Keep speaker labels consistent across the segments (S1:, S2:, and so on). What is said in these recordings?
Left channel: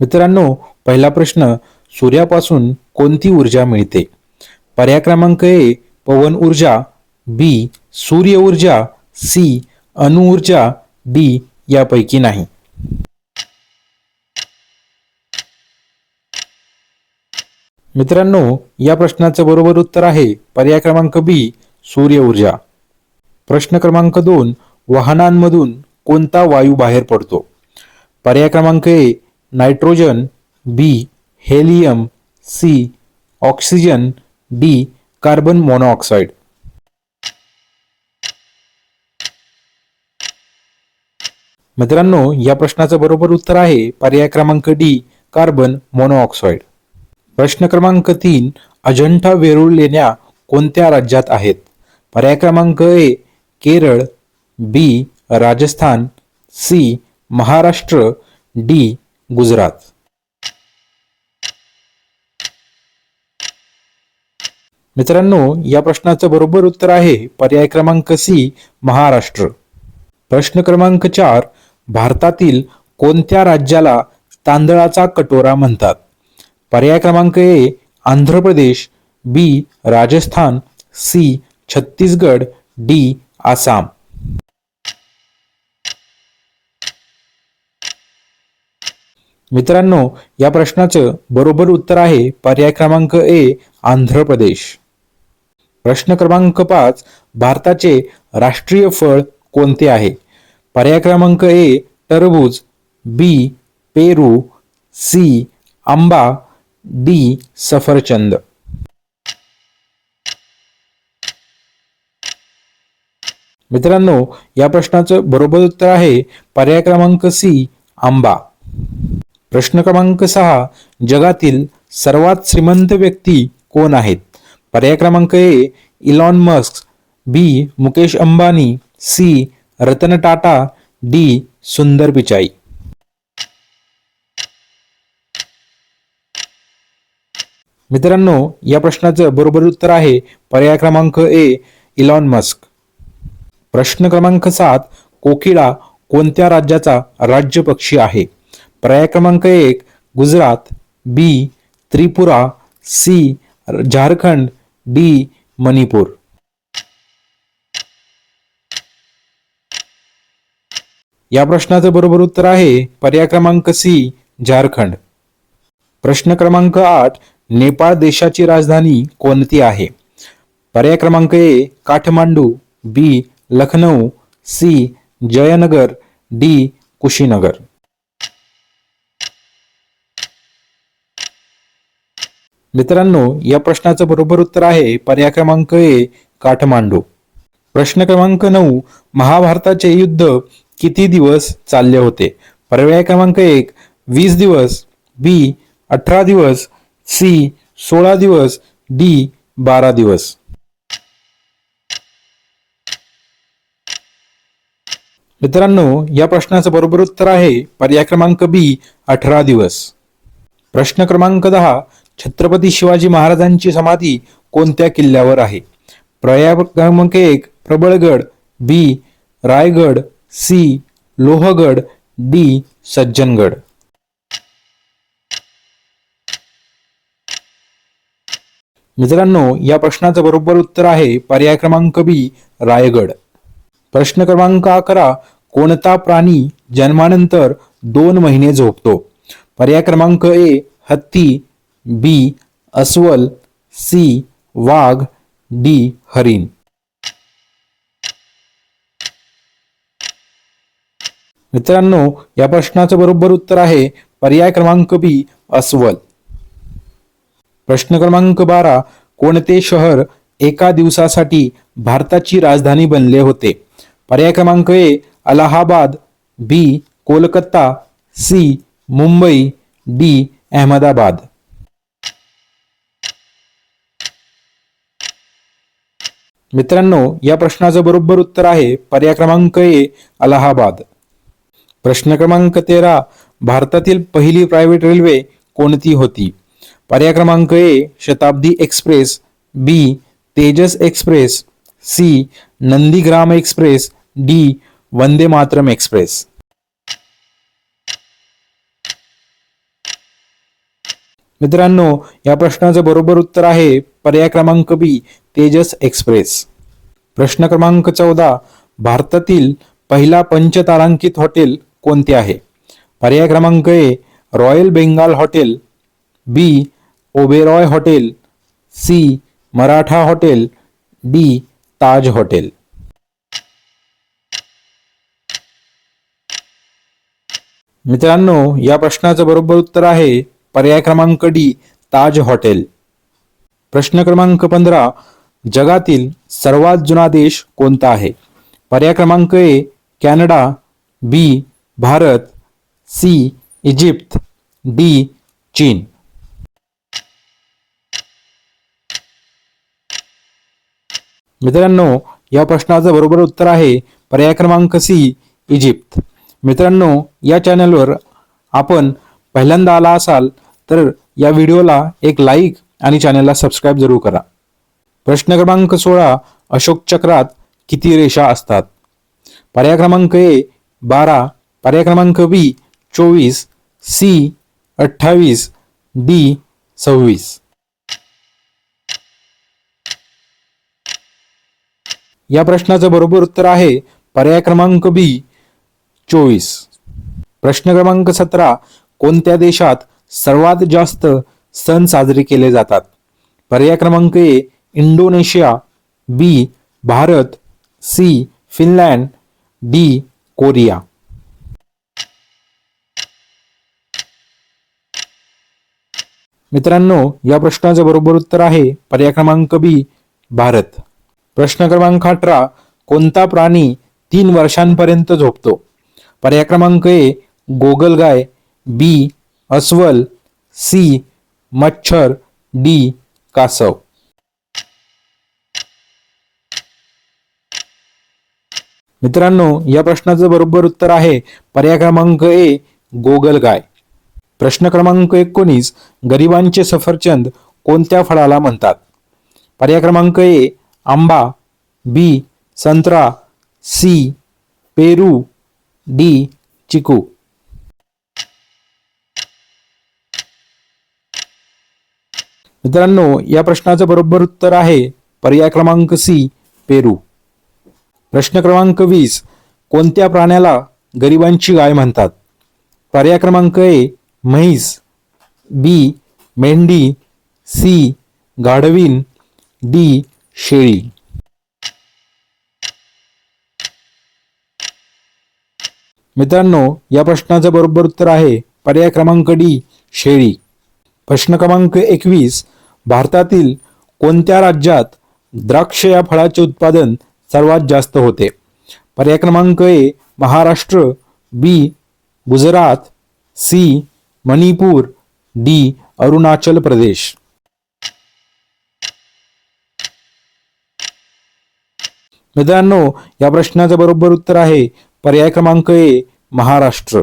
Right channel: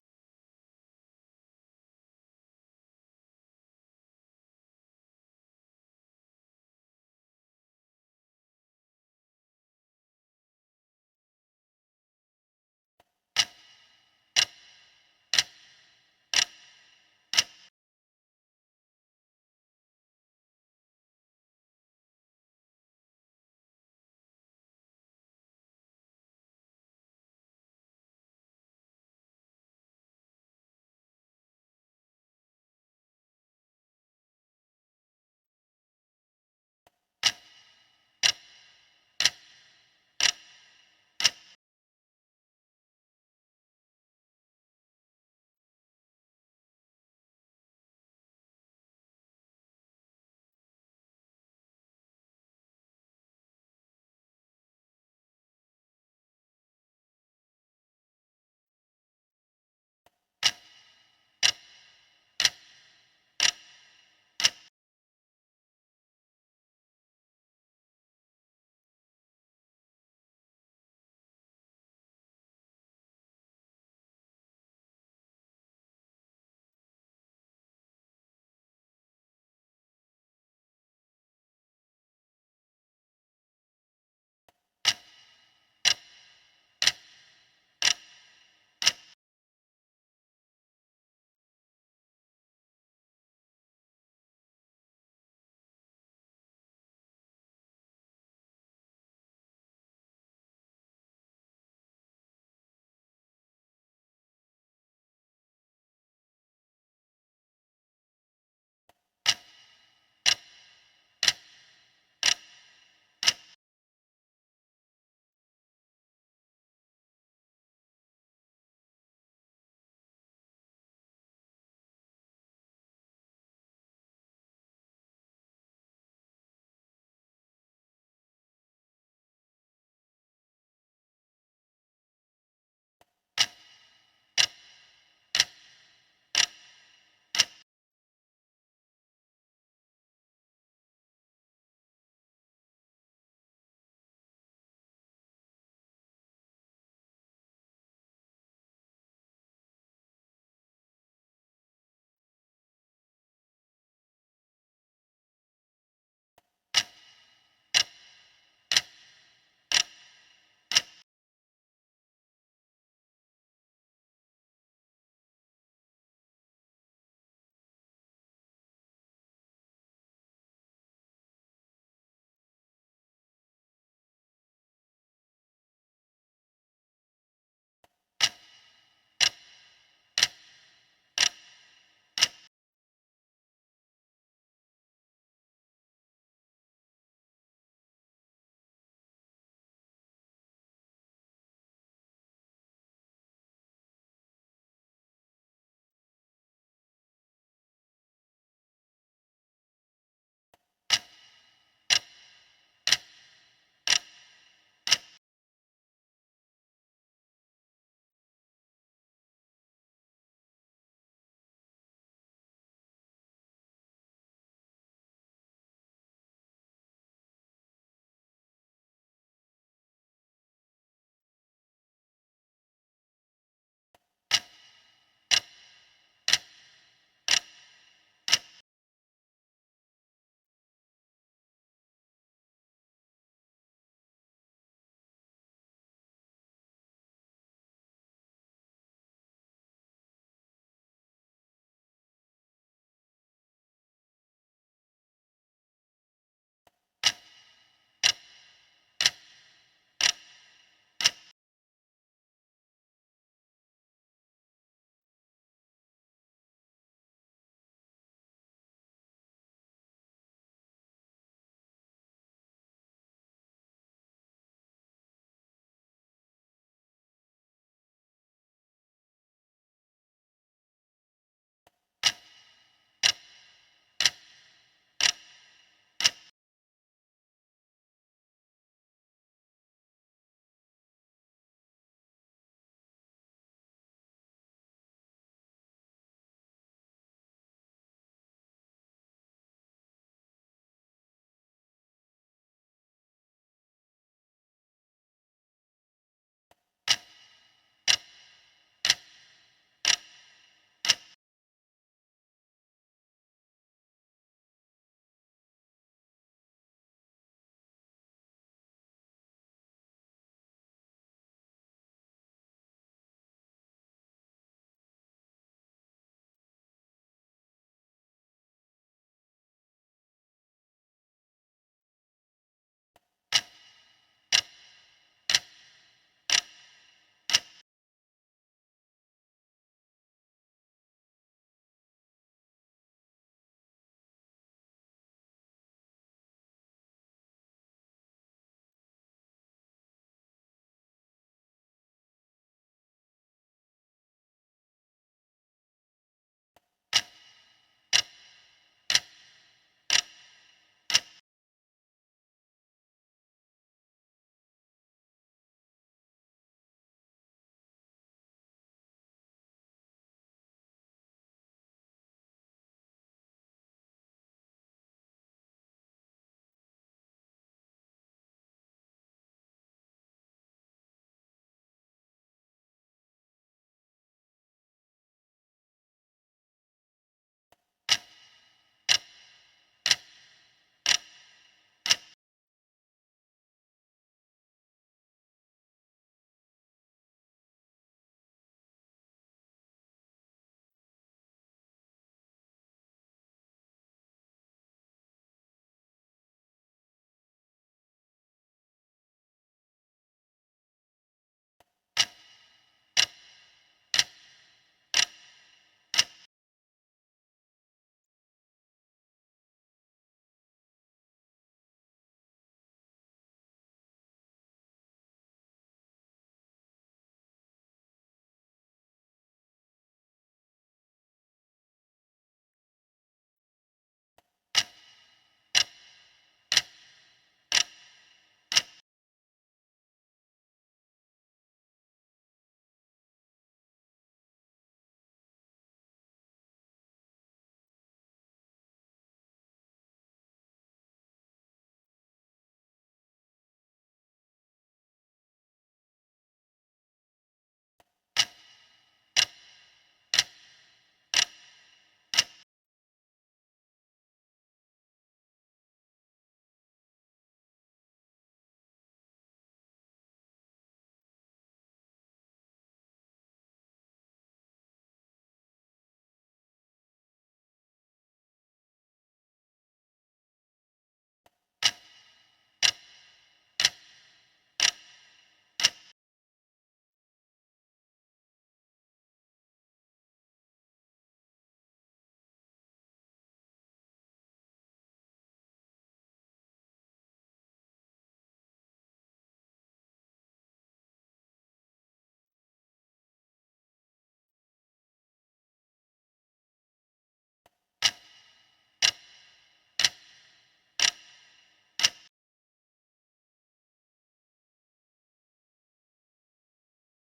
S1: मित्रांनो पहिला प्रश्न सूर्यापासून कोणती ऊर्जा मिळते? पर्याय क्रमांक ए पवन ऊर्जा बी सूर्य ऊर्जा सी अणुऊर्जा डी यापैकी नाही. मित्रांनो या प्रश्नाचं बरोबर उत्तर आहे पर्याय क्रमांक बी सूर्य ऊर्जा. प्रश्न क्रमांक दोन वाहनांमधून कोणता वायू बाहेर पडतो? पर्याय क्रमांक A nitrogen B helium C oxygen D carbon monoxide. मित्रांनो या प्रश्नाचं बरोबर उत्तर आहे पर्याय क्रमांक डी कार्बन मोनोऑक्साईड प्रश्न क्रमांक तीन अजंठा वेरूळ लेण्या कोणत्या राज्यात आहेत? पर्याय क्रमांक A Kerala B Rajasthan C Maharashtra D Gujarat. मित्रांनो या प्रश्नाचं बरोबर उत्तर आहे पर्याय क्रमांक सी महाराष्ट्र. प्रश्न क्रमांक चार भारतातील कोणत्या राज्याला तांदळाचा कटोरा म्हणतात? पर्याय क्रमांक A Andhra Pradesh B Rajasthan C Chhattisgarh D Assam. मित्रांनो या प्रश्नाचं बरोबर उत्तर आहे पर्याय क्रमांक ए आंध्र प्रदेश. प्रश्न क्रमांक पाच भारताचे राष्ट्रीय फळ कोणते आहे? पर्याय क्रमांक ए टरबूज बी पेरू सी आंबा डी सफरचंद. मित्रांनो या प्रश्नाचं बरोबर उत्तर आहे पर्याय क्रमांक सी आंबा. प्रश्न क्रमांक सहा जगातील सर्वात श्रीमंत व्यक्ती कोण आहेत? पर्याय क्रमांक A Elon Musk B Mukesh Ambani C Ratan Tata D Sundar Pichai मित्रांनो या प्रश्नाचं बरोबर उत्तर आहे पर्याय क्रमांक ए इलॉन मस्क. प्रश्न क्रमांक सात कोकिळा कोणत्या राज्याचा राज्य पक्षी आहे? पर्याय क्रमांक एक Gujarat. B Tripura. C Jharkhand. D Manipur. या प्रश्नाचं बरोबर उत्तर आहे पर्याय क्रमांक सी झारखंड. प्रश्न क्रमांक आठ नेपाळ देशाची राजधानी कोणती आहे? पर्याय क्रमांक A Kathmandu. B Lucknow C Jaynagar. D Kushinagar. मित्रांनो या प्रश्नाचं बरोबर उत्तर आहे पर्याय क्रमांक ए काठमांडू. प्रश्न क्रमांक नऊ महाभारताचे युद्ध किती दिवस चालले होते? पर्याय क्रमांक एक वीस दिवस बी अठरा दिवस सी सोळा दिवस डी बारा दिवस. मित्रांनो या प्रश्नाचं बरोबर उत्तर आहे पर्याय क्रमांक बी अठरा दिवस. प्रश्न क्रमांक दहा छत्रपती शिवाजी महाराजांची समाधी कोणत्या किल्ल्यावर आहे? पर्याय क्रमांक एक Prabalgad B Raigad C Lohagad D Sajjangad. मित्रांनो या प्रश्नाचं बरोबर उत्तर आहे पर्याय क्रमांक बी रायगड. प्रश्न क्रमांक अकरा कोणता प्राणी जन्मानंतर दोन महिने झोपतो? पर्याय क्रमांक ए हत्ती बी अस्वल सी वाघ डी हरिण. मित्रांनो या प्रश्नाचं बरोबर उत्तर आहे पर्याय क्रमांक बी अस्वल. प्रश्न क्रमांक बारा कोणते शहर एका दिवसासाठी भारताची राजधानी बनले होते? पर्याय क्रमांक A Allahabad B Kolkata C Mumbai D Ahmedabad. मित्रांनो या प्रश्नाचं बरोबर उत्तर आहे पर्याय क्रमांक ए अलाहाबाद. प्रश्न क्रमांक तेरा भारतातील पहिली प्रायव्हेट रेल्वे कोणती होती? पर्याय क्रमांक A Shatabdi express B Tejas express C Nandigram express D Vande Mataram express. मित्रांनो या प्रश्नाचं बरोबर उत्तर आहे पर्याय क्रमांक बी तेजस एक्सप्रेस. प्रश्न क्रमांक चौदा भारतातील पहिला पंचतारांकित हॉटेल कोणते आहे? पर्याय क्रमांक A royal Bengal hotel B Oberoi hotel C Maratha hotel D Taj hotel. मित्रांनो या प्रश्नाचं बरोबर उत्तर आहे पर्याय क्रमांक डी ताज हॉटेल. प्रश्न क्रमांक पंधरा जगातील सर्वात जुना देश कोणता आहे? पर्याय क्रमांक A Canada B Bharat C Egypt D Cheen. मित्रांनो या प्रश्नाचं बरोबर उत्तर आहे पर्याय क्रमांक सी इजिप्त. मित्रांनो या चॅनलवर आपण पहिल्यांदा आला असाल तर या व्हिडिओला एक लाईक आणि चॅनलला सबस्क्राईब जरूर करा. प्रश्न क्रमांक सोळा अशोक चक्रात किती रेषा असतात? पर्याय क्रमांक ए बारा पर्याय क्रमांक बी चोवीस सी अठ्ठावीस डी सव्वीस. या प्रश्नाचं बरोबर उत्तर आहे पर्याय क्रमांक बी चोवीस. प्रश्न क्रमांक सतरा कोणत्या देशात सर्वात जास्त सण साजरे केले जातात. पर्याय क्रमांक A Indonesia B Bharat C Finland D Korea. मित्रांनो या प्रश्नाचं बरोबर उत्तर आहे पर्याय क्रमांक बी भारत. प्रश्न क्रमांक अठरा कोणता प्राणी तीन वर्षांपर्यंत झोपतो? पर्याय क्रमांक ए गोगलगाय बी अस्वल सी मच्छर डी कासव. मित्रांनो या प्रश्नाचं बरोबर उत्तर आहे पर्याय क्रमांक ए गोगलगाय प्रश्न क्रमांक एकोणीस गरिबांचे सफरचंद कोणत्या फळाला म्हणतात? पर्याय क्रमांक ए आंबा बी संत्रा सी पेरू डी चिकू. मित्रांनो या प्रश्नाचं बरोबर उत्तर आहे पर्याय क्रमांक सी पेरू. प्रश्न क्रमांक वीस कोणत्या प्राण्याला गरिबांची गाय म्हणतात? पर्याय क्रमांक ए म्हैस. बी मेंढी. सी गाढवीन डी शेळी. मित्रांनो या प्रश्नाचं बरोबर उत्तर आहे पर्याय क्रमांक डी शेळी. प्रश्न क्रमांक एकवीस भारतातील कोणत्या राज्यात द्राक्ष या फळाचे उत्पादन सर्वात जास्त होते? पर्याय क्रमांक A Maharashtra B Gujarat C Manipur D Arunachal Pradesh. मित्रांनो या प्रश्नाचं बरोबर उत्तर आहे पर्याय क्रमांक ए महाराष्ट्र.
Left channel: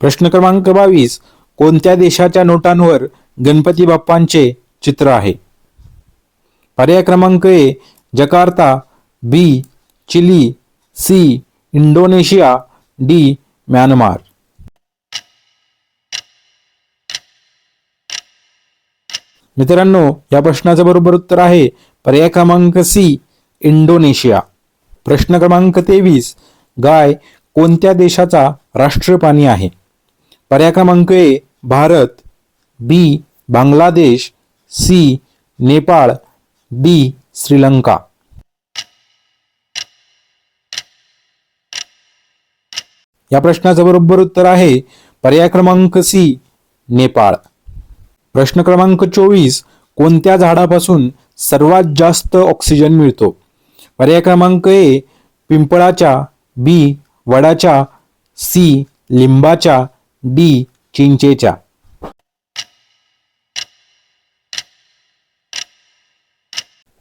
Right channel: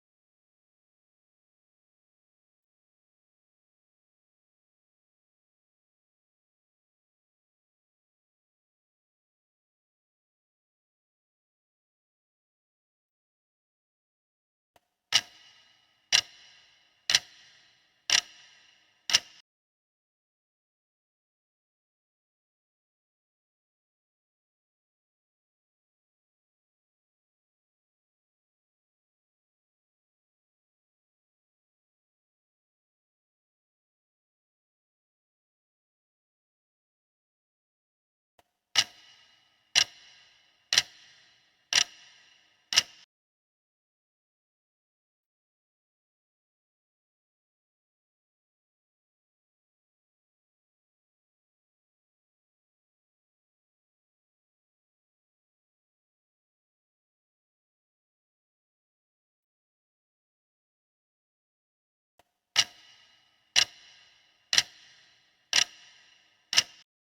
S1: प्रश्न क्रमांक बावीस कोणत्या देशाच्या नोटांवर गणपती बाप्पांचे चित्र आहे. पर्याय क्रमांक A Jakarta B Chile C Indonesia D Myanmar. मित्रांनो या प्रश्नाचं बरोबर उत्तर आहे पर्याय क्रमांक सी इंडोनेशिया. प्रश्न क्रमांक तेवीस गाय कोणत्या देशाचा राष्ट्रपाणी आहे? पर्याय क्रमांक A Bharat B Bangladesh C Nepal D Sri Lanka. या प्रश्नाचं बरोबर उत्तर आहे पर्याय क्रमांक सी नेपाळ. प्रश्न क्रमांक चोवीस कोणत्या झाडापासून सर्वात जास्त ऑक्सिजन मिळतो? पर्याय क्रमांक ए पिंपळाच्या बी वडाच्या सी लिंबाच्या डी चिंचेच्या.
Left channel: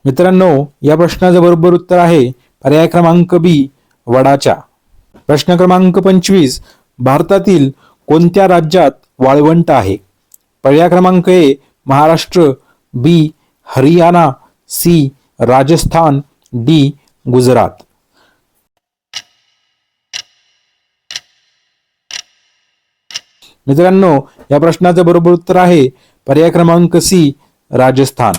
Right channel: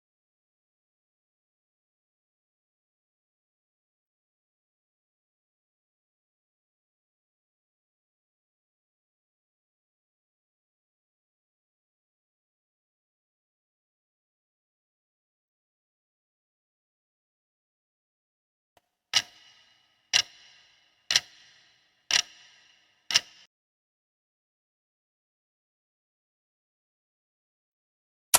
S1: मित्रांनो या प्रश्नाचं बरोबर उत्तर आहे पर्याय क्रमांक बी वडाच्या प्रश्न क्रमांक पंचवीस भारतातील कोणत्या राज्यात वाळवंट आहे? पर्याय क्रमांक A Maharashtra B Haryana C Rajasthan D Gujarat. मित्रांनो या प्रश्नाचं बरोबर उत्तर आहे पर्याय क्रमांक सी राजस्थान.